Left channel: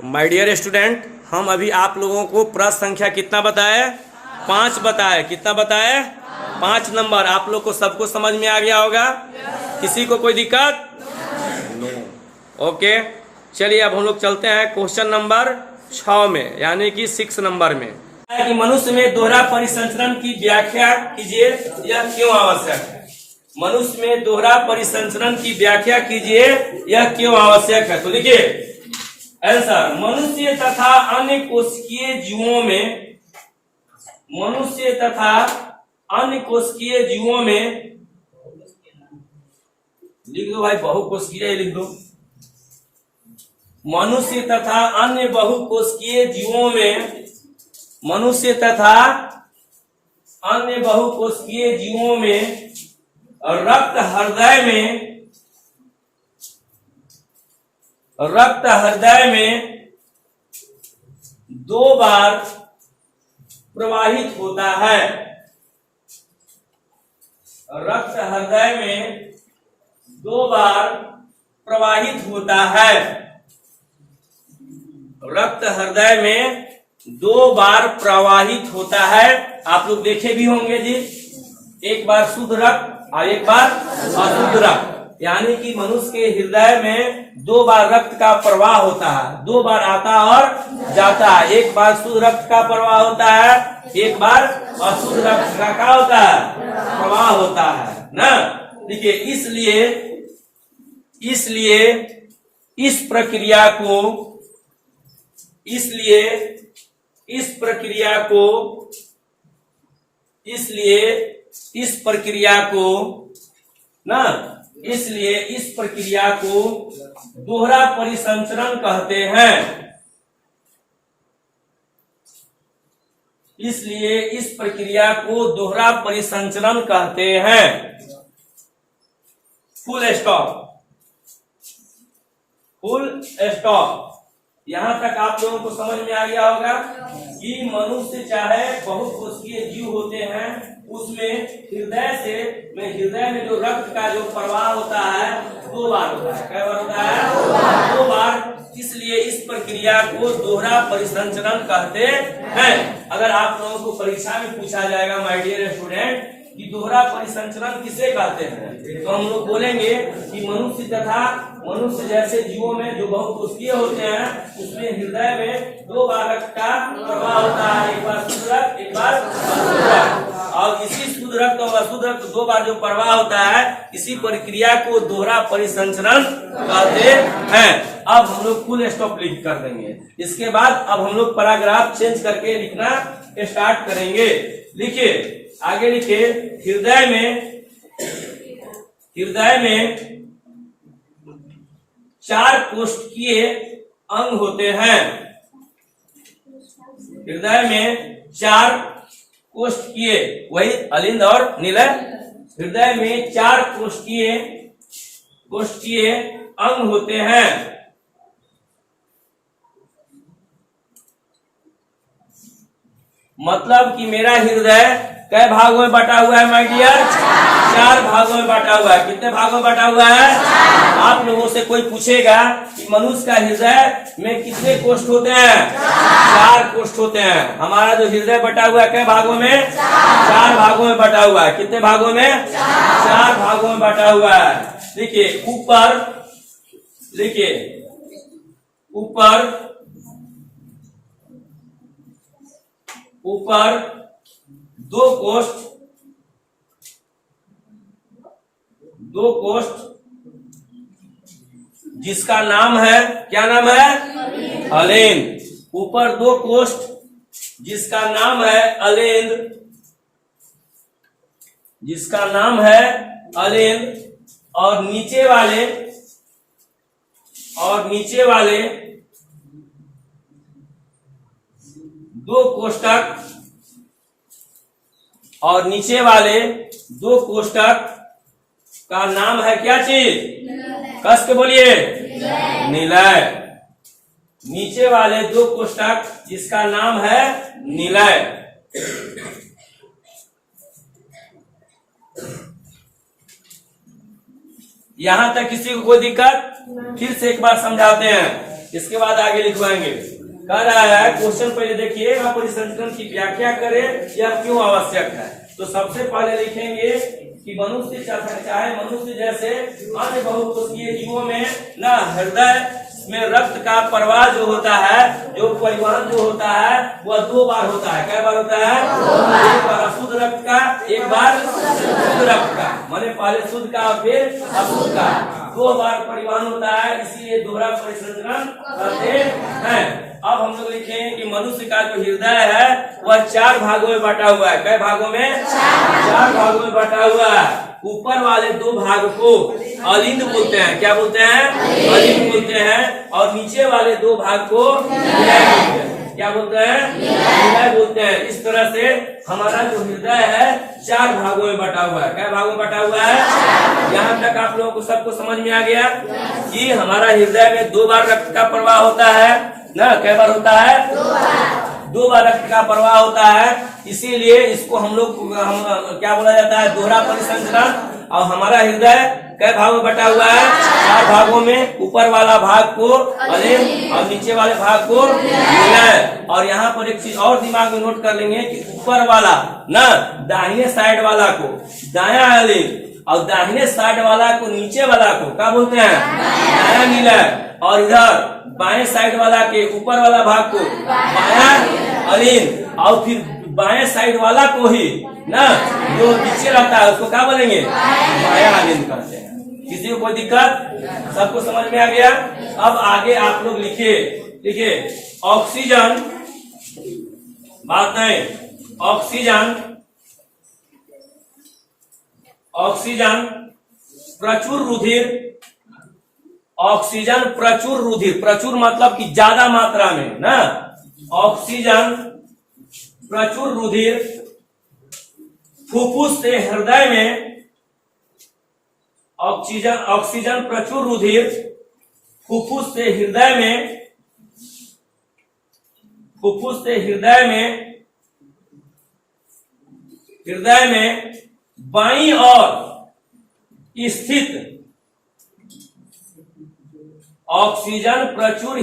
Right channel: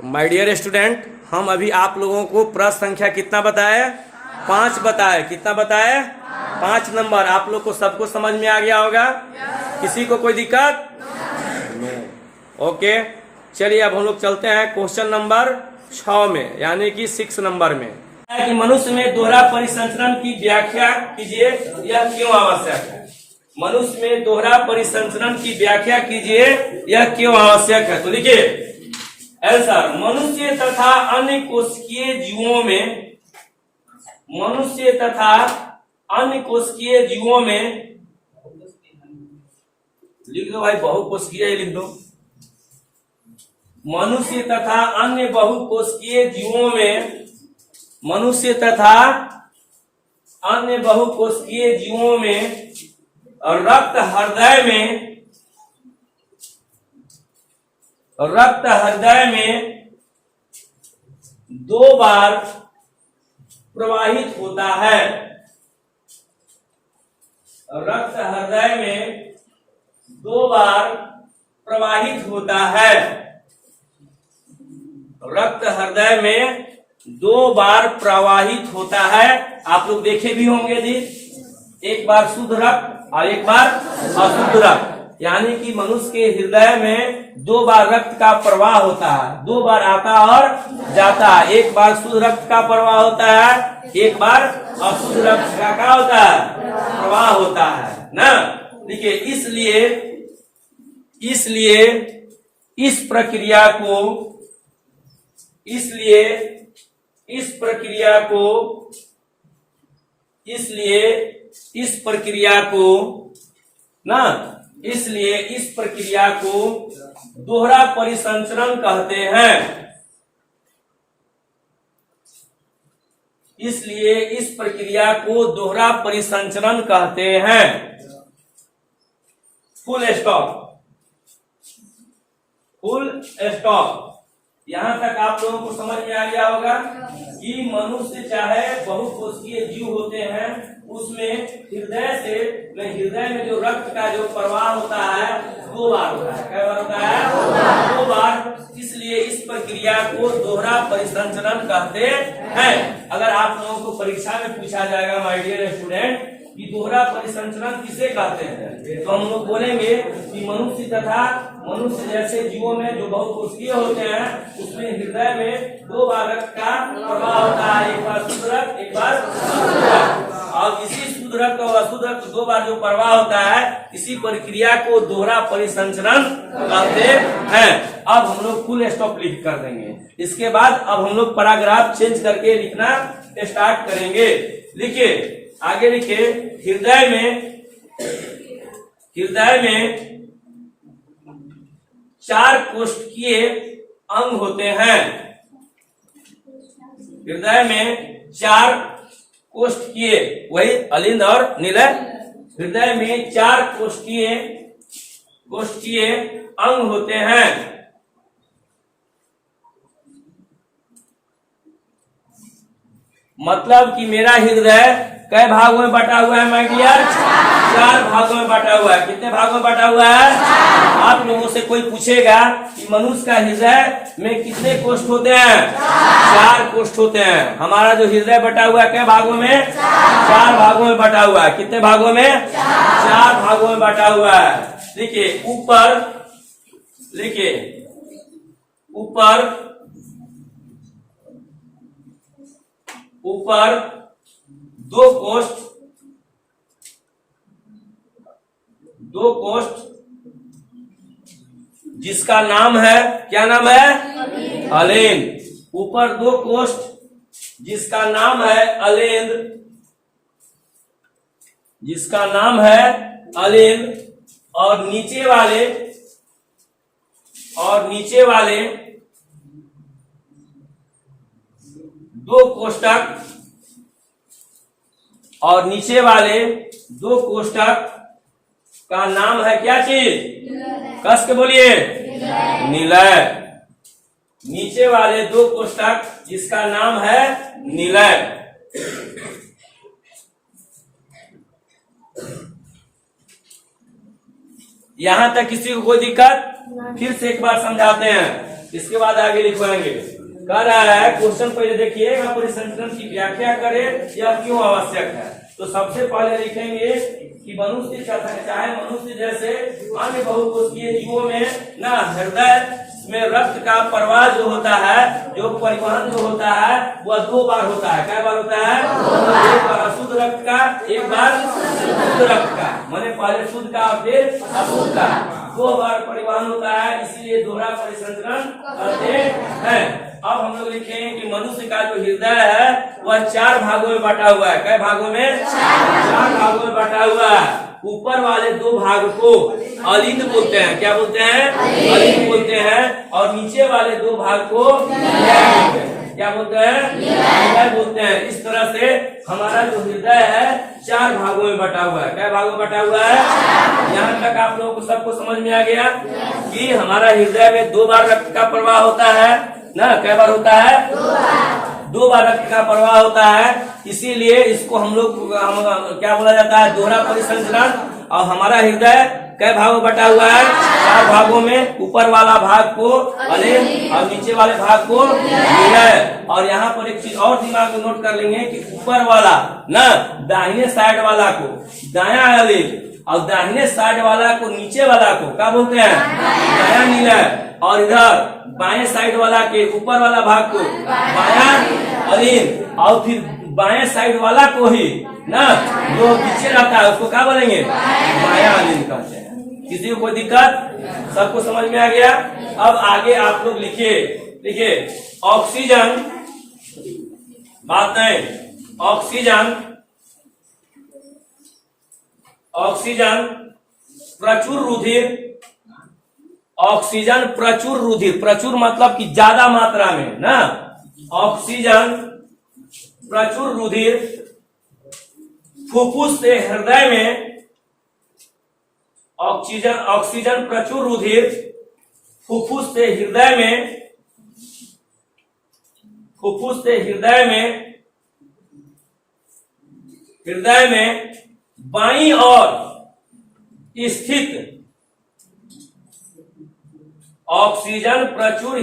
My dear student, हम अभी आप लोगों को प्रश्न संख्या कितना बताए? 5 बताए। कितना बताए? 5 नंबर। आप लोग को सबको समझ में आ गया होगा? किसी को कोई दिक्कत? नो। ओके, चलिए अब हम लोग चलते हैं क्वेश्चन नंबर 6 में, यानी कि 6 नंबर में। कि मनुष्य में दोहरा परिसंचरण की व्याख्या कीजिए, यह क्यों आवश्यक है? मनुष्य में दोहरा परिसंचरण की व्याख्या कीजिए, यह क्यों आवश्यक है? तो लिखिए आंसर। मनुष्य तथा अन्य कोशिकीय जीवों में, मनुष्य तथा अन्य कोशिकीय जीवों में, लिख दो भाई, बहुकोशिकीय लिख दो। मनुष्य तथा अन्य बहुकोशिकीय जीवों में, मनुष्य तथा अन्य बहुकोशिकीय जीवों में रक्त हृदय में 2 बार प्रवाहित होता है। रक्त हृदय में 2 बार प्रवाहित होता है। रक्त हृदय में 2 बार प्रवाहित होता है। आप लोग देखे भी होंगे जी, एक बार शुद्ध रक्त और एक बार अशुद्ध रक्त, यानी कि मनुष्य के हृदय में 2 बार रक्त का प्रवाह होता है। 2 बार आता और जाता है। एक बार शुद्ध रक्त का प्रवाह होता है, एक बार अशुद्ध रक्त का क्या होता है? प्रवाह होता है ना। देखिए, इसलिए इस प्रक्रिया को दोहरा परिसंचरण कहते हैं। इसलिए इस प्रक्रिया को दोहरा परिसंचरण कहते हैं। Full stop, full stop. यहां तक आप लोगों को समझ में आ गया होगा कि मनुष्य चाहे बहुकोशिकीय जीव होते हैं, उसमें हृदय में जो रक्त का जो प्रवाह होता है 2 बार होता है। क्या बार होता है? 2 बार। इसलिए इस प्रक्रिया को दोहरा परिसंचरण कहते हैं। अगर आप लोगों को परीक्षा में पूछा जाएगा माय डियर स्टूडेंट कि दोहरा परिसंचरण किसे कहते हैं, तो हम लोग बोलेंगे कि मनुष्य जैसे जीवों में जो बहुकोशिकीय होते हैं, उसमें हृदय में 2 बार रक्त का प्रवाह होता है। एक बार शुद्ध रक्त, एक बार अशुद्ध रक्त। और इसी शुद्ध रक्त और अशुद्ध रक्त 2 बार जो प्रवाह होता है, इसी प्रक्रिया को दोहरा परिसंचरण कहते हैं। अब हम लोग फुल स्टॉप लिख कर देंगे। इसके बाद अब हम लोग पैराग्राफ चेंज करके लिखना स्टार्ट करेंगे। लिखिए, आगे लिखिए। हृदय में 4 कोशिकीय अंग होते हैं। हृदय में 4 कोशिकीय, वही अलिंद और निलय। हृदय में 4 कोशिकीय अंग होते हैं। मतलब कि मेरा हृदय कई भागों में बटा हुआ है माय डियर? 4 भागों में बटा हुआ है। कितने भागों में बटा हुआ है? आप लोगों से कोई पूछेगा कि मनुष्य का हृदय में कितने कोष्ठ होते हैं? 4 कोष्ठ होते हैं। हमारा जो हृदय बटा हुआ है कई भागों में? 4 भागों में बटा हुआ है। कितने भागों में? 4 भागों में बटा हुआ है। देखिए ऊपर 2 कोष्ठ जिसका नाम है, क्या नाम है? अलेंद। ऊपर 2 कोष्ठ जिसका नाम है अलेंद, और नीचे वाले 2 कोष्ठक, और नीचे वाले 2 कोष्ठक का नाम है क्या चीज? कस के बोलिए, निलय। नीचे वाले 2 कोष्ठक जिसका नाम है निलय। यहां तक किसी को कोई दिक्कत? फिर से एक बार समझाते हैं। इसके बाद आगे लिखवाएंगे। कह रहा है क्वेश्चन पहले देखिए, परिसंचरण की व्याख्या करें, यह क्यों आवश्यक है। तो सबसे पहले लिखेंगे कि मनुष्य चाहे मनुष्य जैसे अन्य बहुकोषीय जीवों में ना हृदय में रक्त का प्रवाह जो होता है, जो परिवहन जो होता है वह 2 बार होता है। क्या बार होता है? 2 बार। अशुद्ध रक्त का 1 बार, शुद्ध रक्त का माने पहले शुद्ध का फिर अशुद्ध का 2 बार परिवहन होता है, इसलिए दोहरा परिसंचरण करते हैं। अब हम लोग लिखेंगे कि मनुष्य का जो हृदय है वह 4 भागों में बटा हुआ है। कई भागों में? 4 भागों में बटा हुआ है। ऊपर वाले 2 भाग को अलिंद बोलते हैं। क्या बोलते हैं? अलिंद बोलते हैं। और नीचे वाले 2 भाग को निलय बोलते हैं। क्या बोलते हैं? निलय बोलते हैं। इस तरह से हमारा जो हृदय है 4 भागों में बटा हुआ है। क्या भागों में बटा हुआ है? यहाँ तक आप लोगों को सबको समझ में आ गया कि हमारा हृदय में 2 बार रक्त का प्रवाह होता है ना। कई बार होता है? 2 बार रक्त का प्रवाह होता है, इसीलिए इसको हम लोग क्या बोला जाता है? दोहरा परिसंचरण। और हमारा हृदय कई भागों में बटा हुआ है? 4 भागों में। ऊपर वाला भाग को अलिंद और नीचे वाले भाग को निलय। और यहाँ पर एक चीज और दिमाग में नोट कर लेंगे कि ऊपर वाला ना दाहिने साइड वाला को दाया अलिंद और दाहिने साइड वाला को नीचे वाला को क्या बोलते हैं? दाया निलय। और इधर बाएं साइड वाला के ऊपर वाला भाग को बाया अलिंद और फिर बाएं साइड वाला को ही ना जो नीचे रहता है उसको क्या बोलेंगे? बाया अलिंद कहते हैं। किसी को कोई दिक्कत? सबको समझ में आ गया? अब आगे आप लोग लिखिए ऑक्सीजन, बात नहीं, ऑक्सीजन प्रचुर रुधिर, ऑक्सीजन प्रचुर रुधिर, प्रचुर मतलब कि ज्यादा मात्रा में ना, ऑक्सीजन प्रचुर रुधिर फुफ्फुस से हृदय में, ऑक्सीजन प्रचुर रुधिर फुफ्फुस से हृदय में बाईं ओर स्थित ऑक्सीजन प्रचुर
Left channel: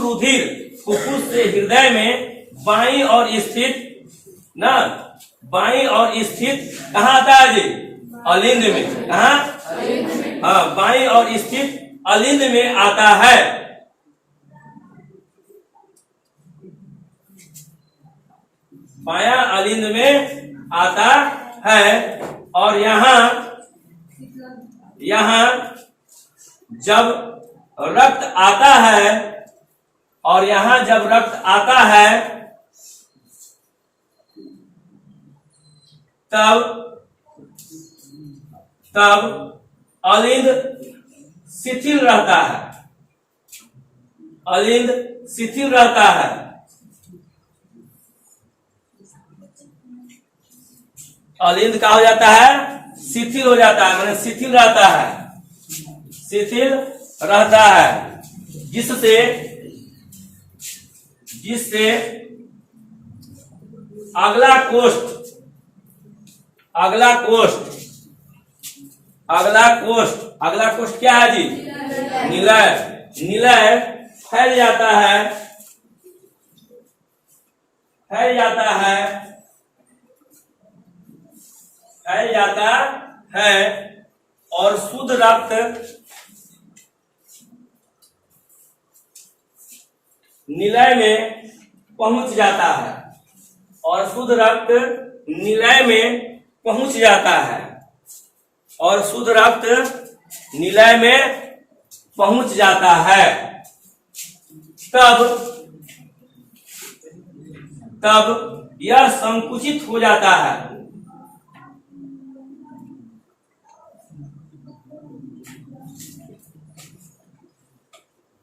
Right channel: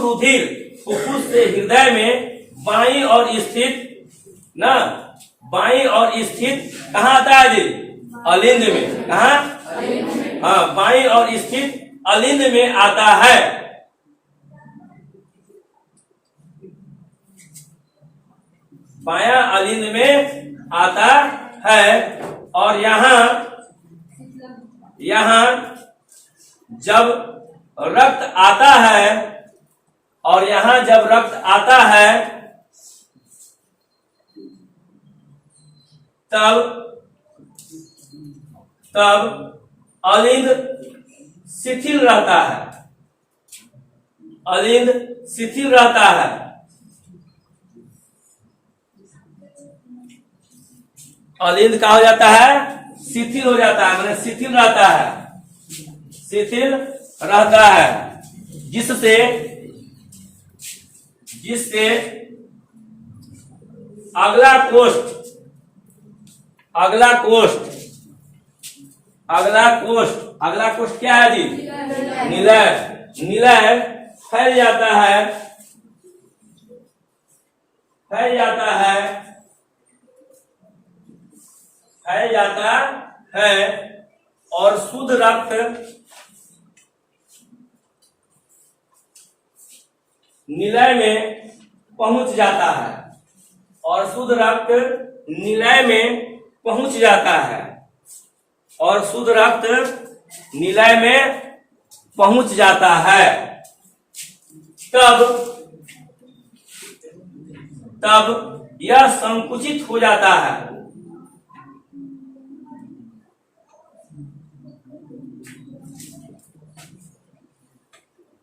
रुधिर फुफ्फुस से हृदय में बाईं ओर स्थित ना, बाईं ओर स्थित कहाँ आता है जी? अलिंद में। कहाँ? हाँ, बाईं ओर स्थित अलिंद में आता है। बायां अलिंद में आता है। और यहाँ जब रक्त आता है, और यहाँ जब रक्त आता है तब अलिंद शिथिल रहता है। अलिंद शिथिल रहता है। अलिंद क्या हो जाता है? शिथिल हो जाता है, माने शिथिल रहता है, शिथिल रहता है। जिससे अगला कोष्ठ क्या है जी? निलय फैल जाता है और शुद्ध रक्त निलय में पहुंच जाता है, और शुद्ध रक्त निलय में पहुंच जाता है, और शुद्ध रक्त निलय में पहुंच जाता है। तब यह संकुचित हो जाता है।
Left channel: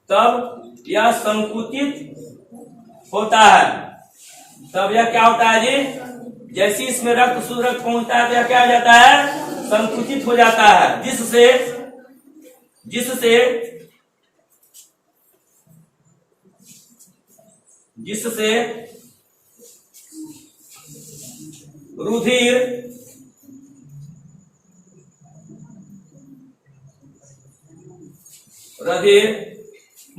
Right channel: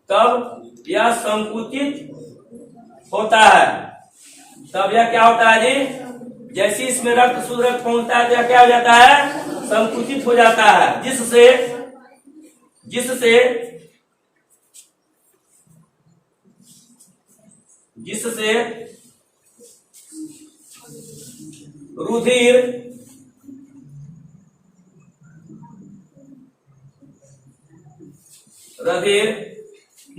तब यह संकुचित होता है। तब यह क्या होता है जी? जैसे इसमें रक्त शुद्ध रक्त पहुंचता है तो यह क्या हो जाता है? संकुचित हो जाता है। जिससे रुधिर रुधिर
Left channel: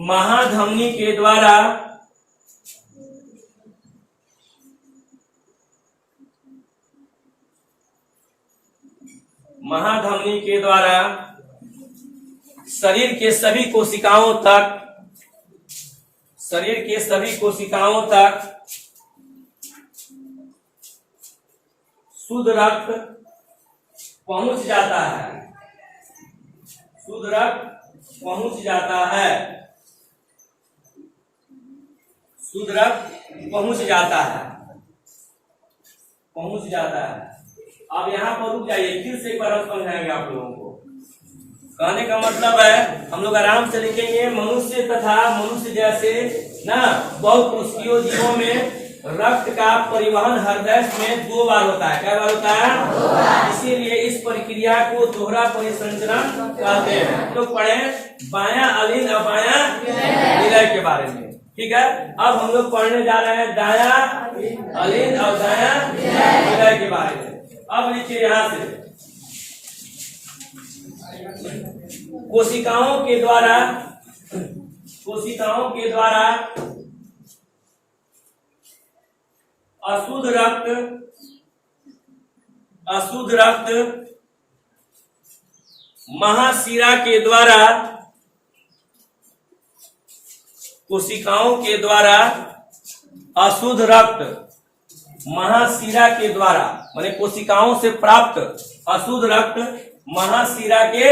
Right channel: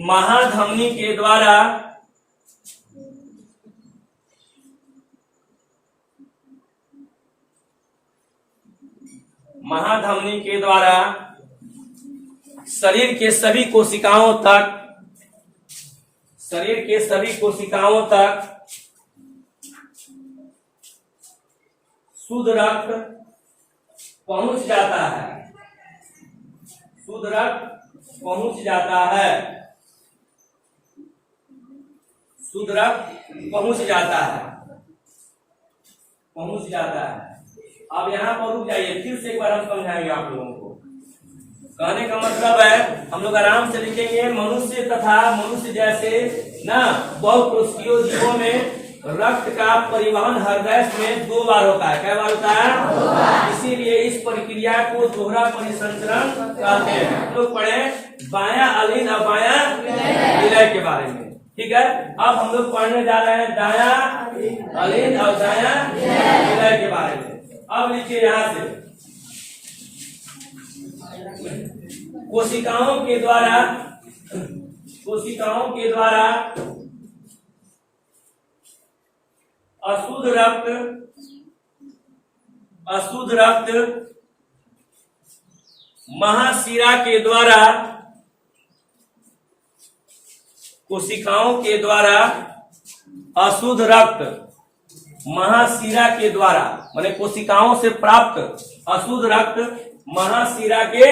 महाधमनी के द्वारा शरीर के सभी कोशिकाओं तक शुद्ध रक्त पहुंच जाता है। शुद्ध रक्त पहुंच जाता है। शुद्ध रक्त पहुंच जाता है। अब यहाँ पर रुक जाइए, फिर से एक बार हम समझाएंगे आप लोगों को। कहने का मतलब है, हम लोग आराम से लिखेंगे, मनुष्य तथा मनुष्य जैसे ना बहुकोशिकीय जीवों में रक्त का परिवहन हृदय में 2 बार होता है। क्या बार होता है? इसीलिए इस प्रक्रिया को दोहरा परिसंचरण कहते हैं। हम लोग पढ़े बायां अलिंद और बायां विलय के बारे में, ठीक है। अब हम लोग पढ़ने जा रहे हैं दायां अलिंद और दायां विलय के बारे में। अब लिखिए यहाँ से, कोशिकाओं के द्वारा अशुद्ध रक्त महाशिरा के द्वारा, कोशिकाओं के द्वारा अशुद्ध रक्त महाशिरा के द्वारा, माने कोशिकाओं से प्राप्त अशुद्ध रक्त महाशिरा के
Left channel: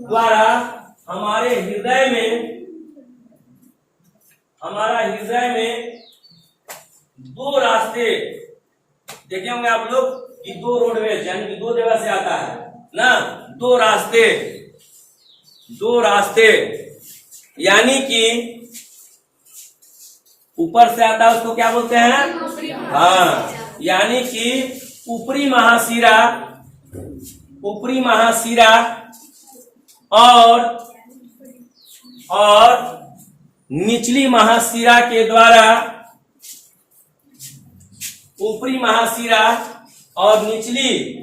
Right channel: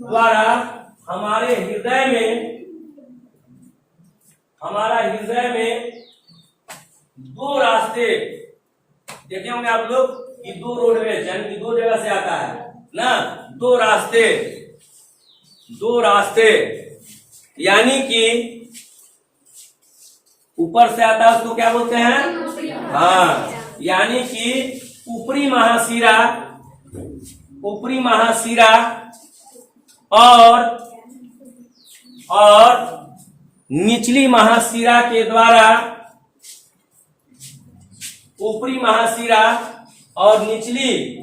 द्वारा हमारे हृदय में 2 रास्ते देखे होंगे आप लोग कि 2 रोडवेज, यानी कि 2 जगह से आता है ना। 2 रास्ते यानी कि ऊपर से आता है, उसको क्या बोलते हैं? हाँ, यानी कि ऊपरी महाशिरा और निचली महाशिरा के द्वारा, ऊपरी महाशिरा और निचली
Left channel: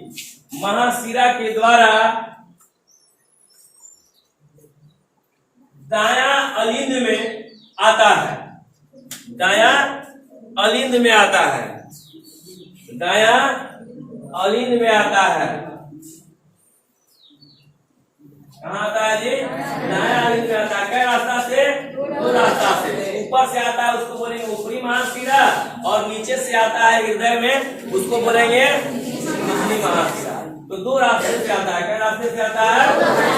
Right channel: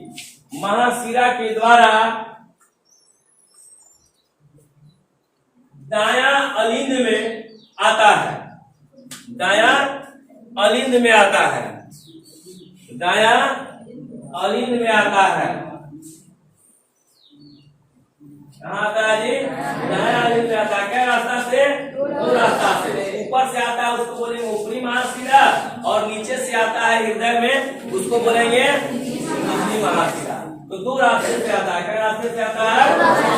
महाशिरा के द्वारा दायां अलिंद में आता है। दायां अलिंद में आता है। कहाँ आता है जी? दायां अलिंद में आता है। क्या रास्ता से? 2 रास्ता से। ऊपर से आता है, उसको बोलेंगे ऊपरी महाशिरा, और नीचे से आता है हृदय में, उसको बोलेंगे निचली महाशिरा। तो 2 रास्ते से आता है। क्या रास्ते से आता है?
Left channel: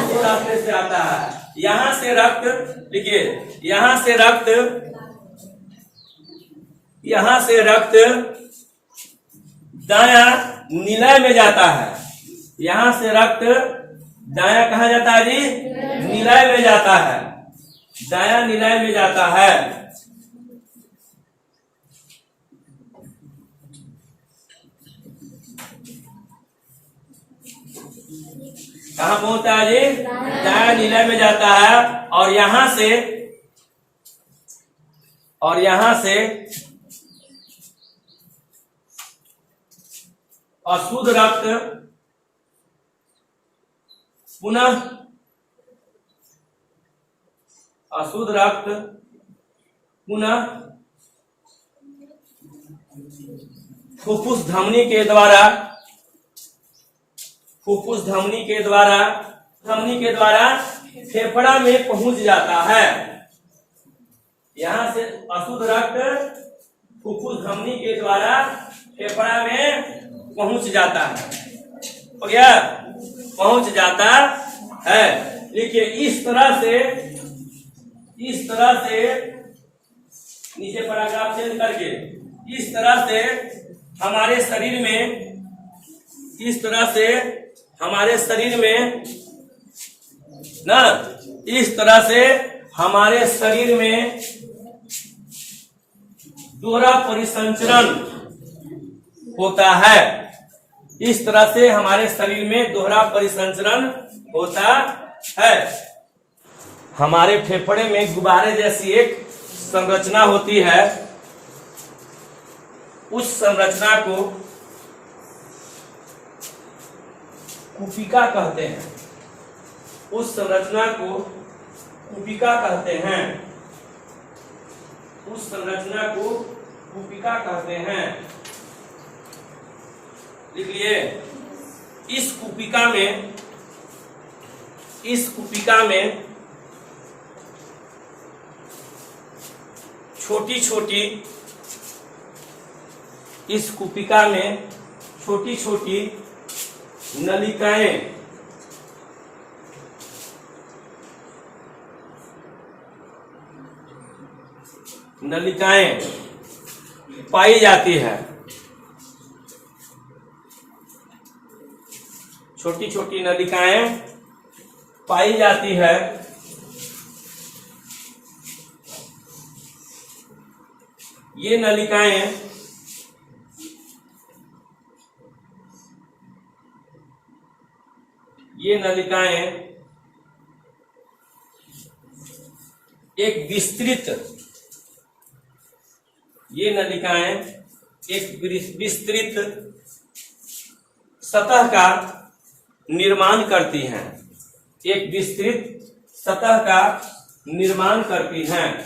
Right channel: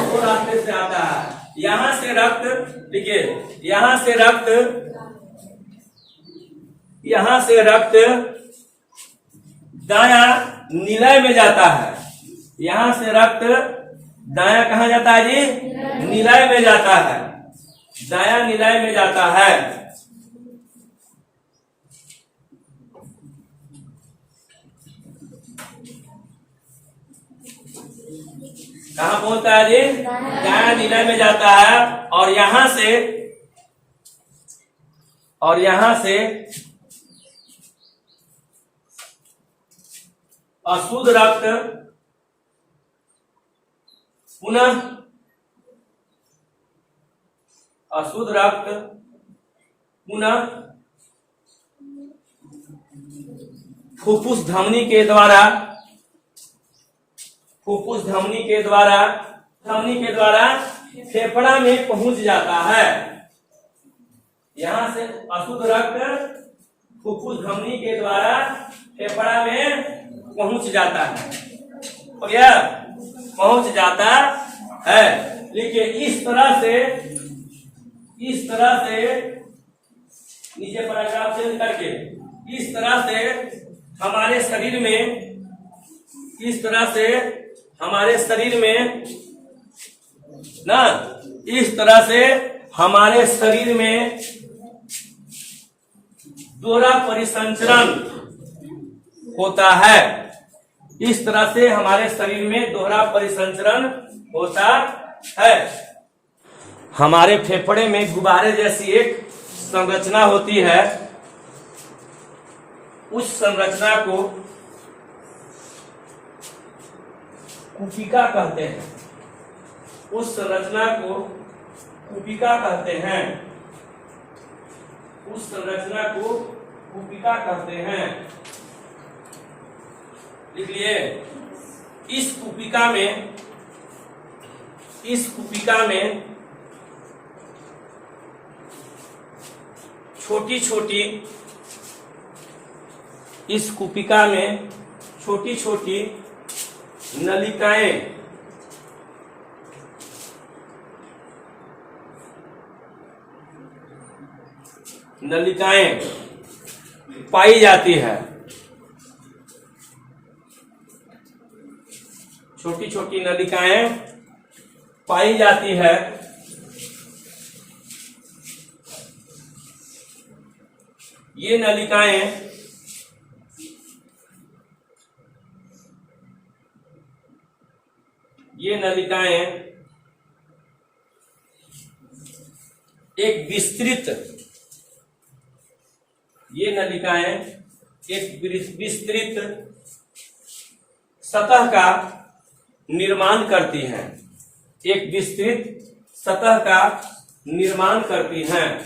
2 रास्ते से आता है। यहाँ से रक्त, देखिए यहाँ से रक्त दायां निलय में जाता है। यहाँ से रक्त दायां कहाँ जाता है जी? निलय में जाता है। दायां निलय में जाता है। कहाँ पहुंचता है जी? दायां निलय में जाता है। और यहाँ से अशुद्ध रक्त पुनः फुफ्फुस धमनी के द्वारा फेफड़ा में पहुंच जाता है। यहाँ से अशुद्ध रक्त फुफ्फुस धमनी के द्वारा फेफड़ा में पहुंच जाता है। हो गया? पहुंच जाता है। देखिए इस तरह से नीचे पैराग्राफ चेंज करके, इस तरह से हमारे शरीर में दोहरा परिसंचरण होता है। इस तरह से हमारे शरीर में दोहरा परिसंचरण होता है। हमारे फेफड़े में गुब्बारे जैसी एक संरचना होती है। उस संरचना कुपिका कहते हैं, उस संरचना को कुपिका कहते हैं, उस संरचना को कुपिका कहते हैं। लिख लिए। इस कुपिका में छोटी छोटी, इस कुपिका में छोटी छोटी नलिकाएं पाई जाती है। छोटी छोटी नलिकाएं पाई जाती है। ये नलिकाएं एक विस्तृत सतह का निर्माण करती हैं, एक विस्तृत सतह का निर्माण करती हैं।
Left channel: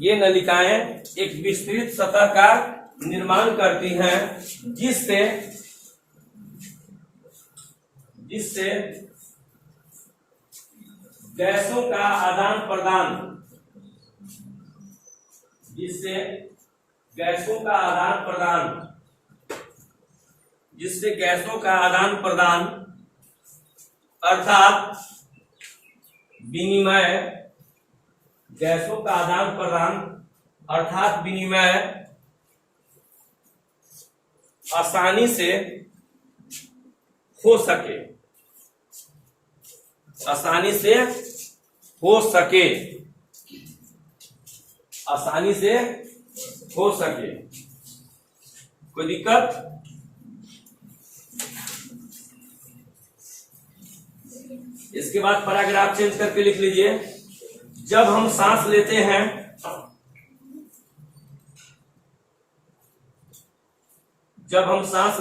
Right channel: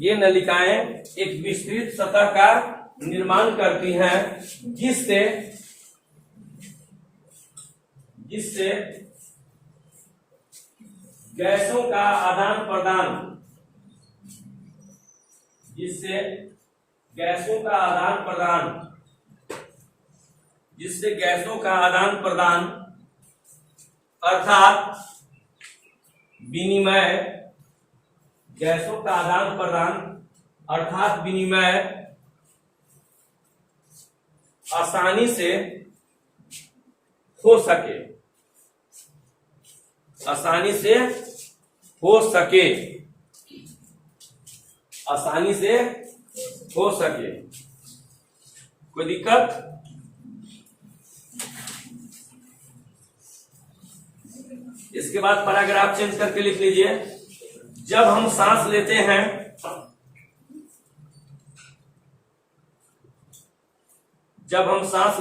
ये नलिकाएं एक विस्तृत सतह का निर्माण करती हैं, जिससे गैसों का आदान प्रदान, जिससे गैसों का आदान प्रदान अर्थात विनिमय, गैसों का आदान प्रदान अर्थात विनिमय आसानी से हो सके, आसानी से हो सके। कोई दिक्कत? इसके बाद पैराग्राफ चेंज करके लिख लीजिए। जब हम सांस लेते हैं, जब हम सांस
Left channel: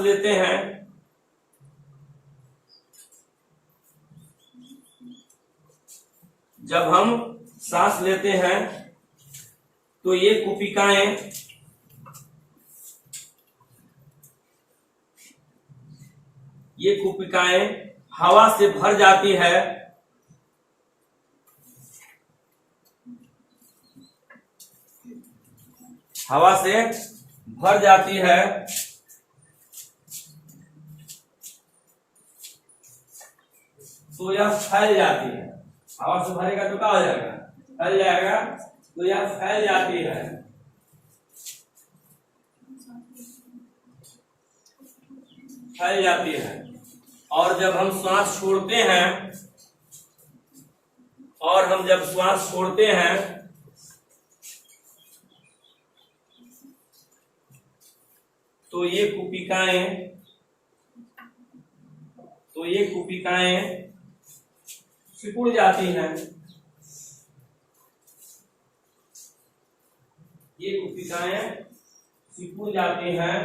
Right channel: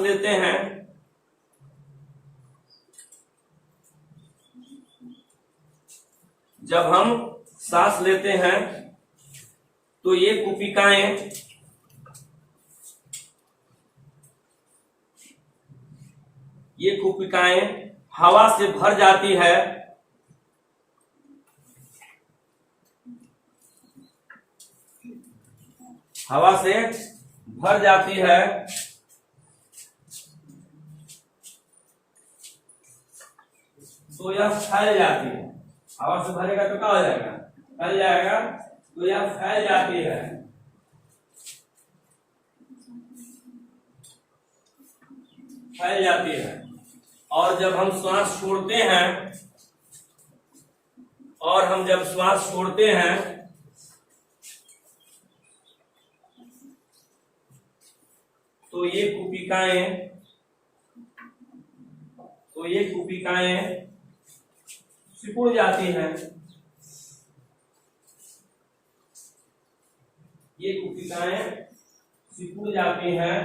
लेते हैं तो ये कुपिकाएं हवा से भर जाती है, हवा से भर जाती है, तो यह फैल जाती है। हवा से भरेगा तो क्या हो जाएगा? फैल जाएगा। तो यह फैल जाती है, फैल जाती है। और जब हम श्वास छोड़ते हैं, तो ये कुपिकाएं सिकुड़ जाती हैं। ये कुपिकाएं सिकुड़ जाती हैं।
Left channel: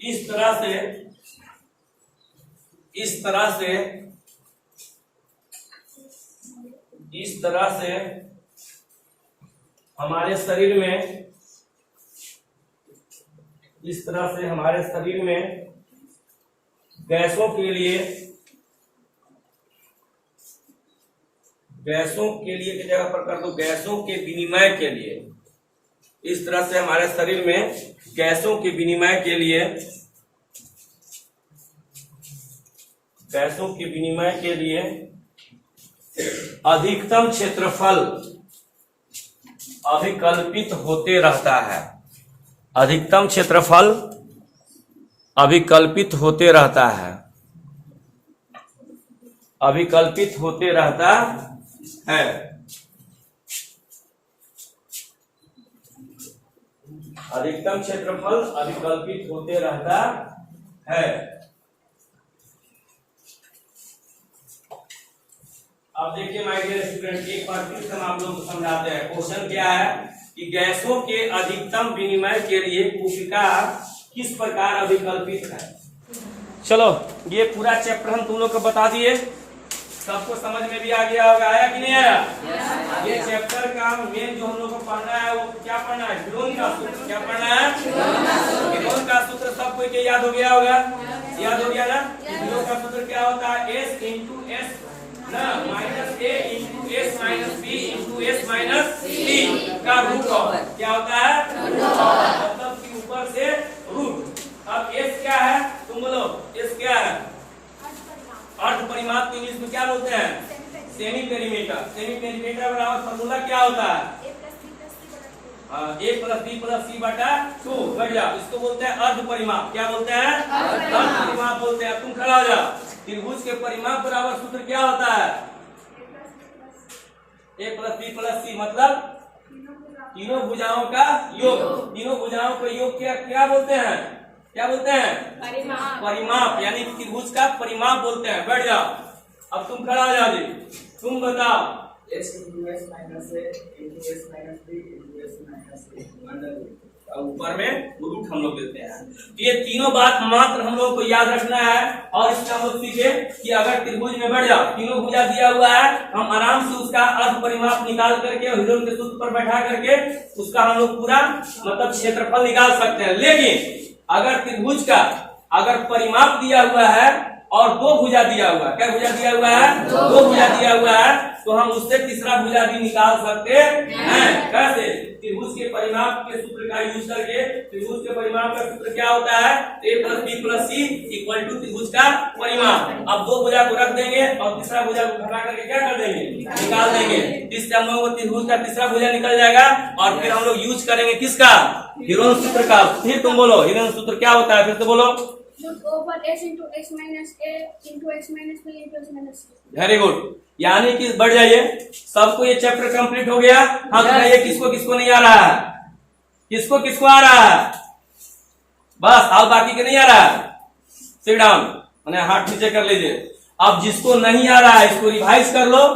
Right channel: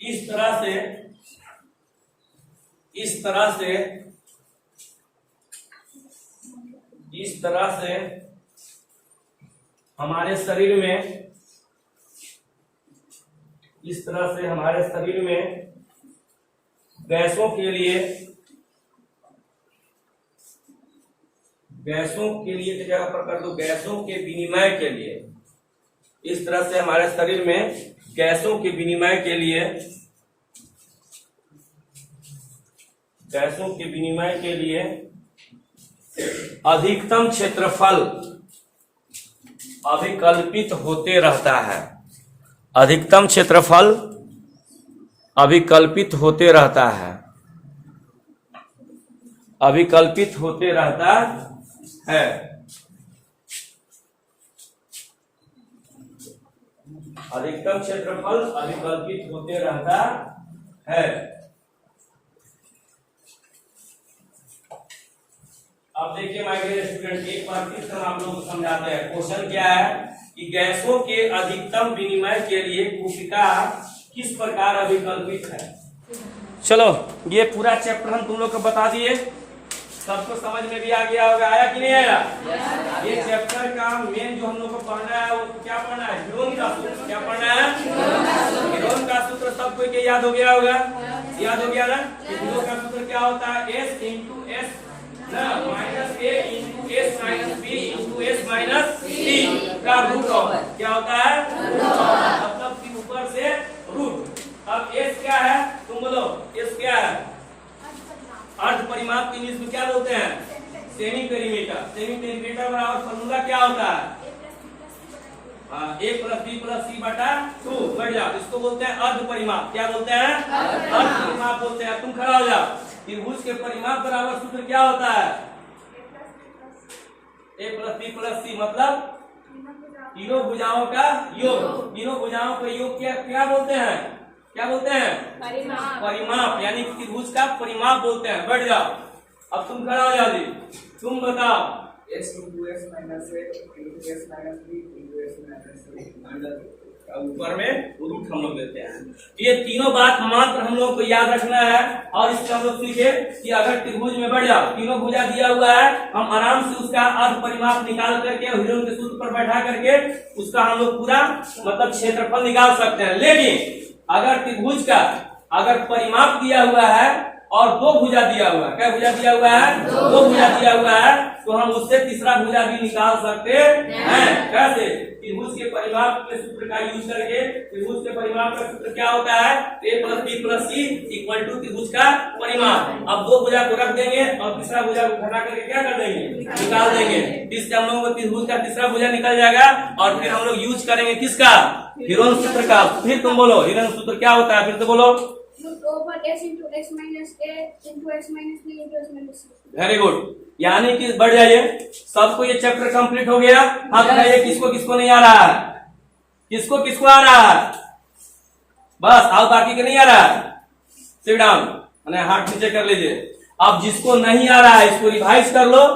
इस तरह से हमारे शरीर में गैसों के लिए की जगह पर कर दो, गैसों के विनिमय के लिए। इस तरह से हमारे शरीर में गैसों के विनिमय के लिए अधिकतम क्षेत्रफल अभिकल्पित होते रहता है। अधिकतम क्षेत्रफल अभिकल्पित होते रहता है। अधिकतम क्षेत्रफल अभिकल्पित होते रहता है। अब देखिए माय डियर स्टूडेंट, एक बार फिर से हम आप लोगों को समझाते हैं। क्वेश्चन क्या है कि गैसों के अधिकतम विनिमय के लिए कुपिका किस प्रकार अभिकल्पित है। चलो ये पूरा चैप्टर हम तुम लोग को बता दिए, सबको समझ में भी आ गया होगा, आया कि नहीं आया? ये चैप्टर का मेन जो हम लोग को पढ़ना है वो क्या पढ़ना है? हीरोन का सूत्र। क्या पढ़ना है? हीरोन का सूत्र सबको के याद हो गया होगा, याद हो गया ना? हीरोन का सूत्र क्या होता है? S into S minus A into S minus B into S minus C का रूट ओवर क्या होता है? मतलब कि ऊपर से रूट। अब एस क्या है? तुम बोलो एस क्या है? अर्ध परिमाप के इंग्लिश में क्या बोलते हैं? Semi perimeter. सेमी पेरीमीटर बराबर फॉर्मूला क्या होता है? ए प्लस बी प्लस सी बटा 2। बढ़िया, इसको बोलते हैं अर्ध परिमाप। क्या बोलते हैं? अर्ध परिमाप बोलते हैं। तुम खड़ा हो जाओ। त्रिभुज के परिमाप बराबर सूत्र क्या होता है? ए प्लस बी प्लस सी, मतलब तीनों भुजाओं का योग। तीनों भुजाओं के योग क्या बोलते हैं? क्या बोलते हैं? परिमाप। परिमाप यानी त्रिभुज का परिमाप बोलते हैं। बढ़ जाओ, अब तुम खड़ा हो जाओ जी, तुम बताओ। x into s minus a into s minus b into s minus a under root. ऊपर में रूट हम लोग लेते हैं। तो ये तीनों बात मात्र हम लोग को याद रखना है। और इससे हम लोग सीखे कि अगर त्रिभुज में बढ़ जाओ, तीनों भुजा दिया हुआ है, हम आराम से उसका अर्ध परिमाप निकाल करके हीरोन के सूत्र पर बैठा करके उसका हम लोग पूरा मतलब क्षेत्रफल निकाल सकते हैं। लेकिन अगर त्रिभुज का अगर परिमाप दिया हुआ है और दो भुजा दिया हुआ है, क्या भुजा दिया हुआ है? दो भुजा दिया हुआ है, तो हम उससे तीसरा भुजा भी निकाल सकते हैं। कैसे? त्रिभुज के परिमाप के सूत्र का यूज करके। त्रिभुज के परिमाप का सूत्र क्या होता है? a plus b plus c equal to त्रिभुज का परिमाप। अब दो भुजा को रख देंगे और तीसरा भुजा को घटा करके क्या कर देंगे? निकाल देंगे। इससे हम लोगों को त्रिभुज का तीसरा भुजा निकल जाएगा और फिर हम लोग यूज करेंगे किसका? हीरोन सूत्र का। फिर तुम बोलो हीरोन सूत्र क्या होता है? फिर तो बोलो। वेरी गुड, यानी कि बढ़ जाइए। सबको ये चैप्टर कंप्लीट हो गया। हाँ बताइए किसको किसको नहीं आ रहा है? किसको किसको आ रहा है? बस आओ, बाकी के नहीं आ रहा है सिट डाउन, हाथ नीचे कर लीजिए। अब जिसको नहीं आ रहा है इसको रिवाइज कर लो।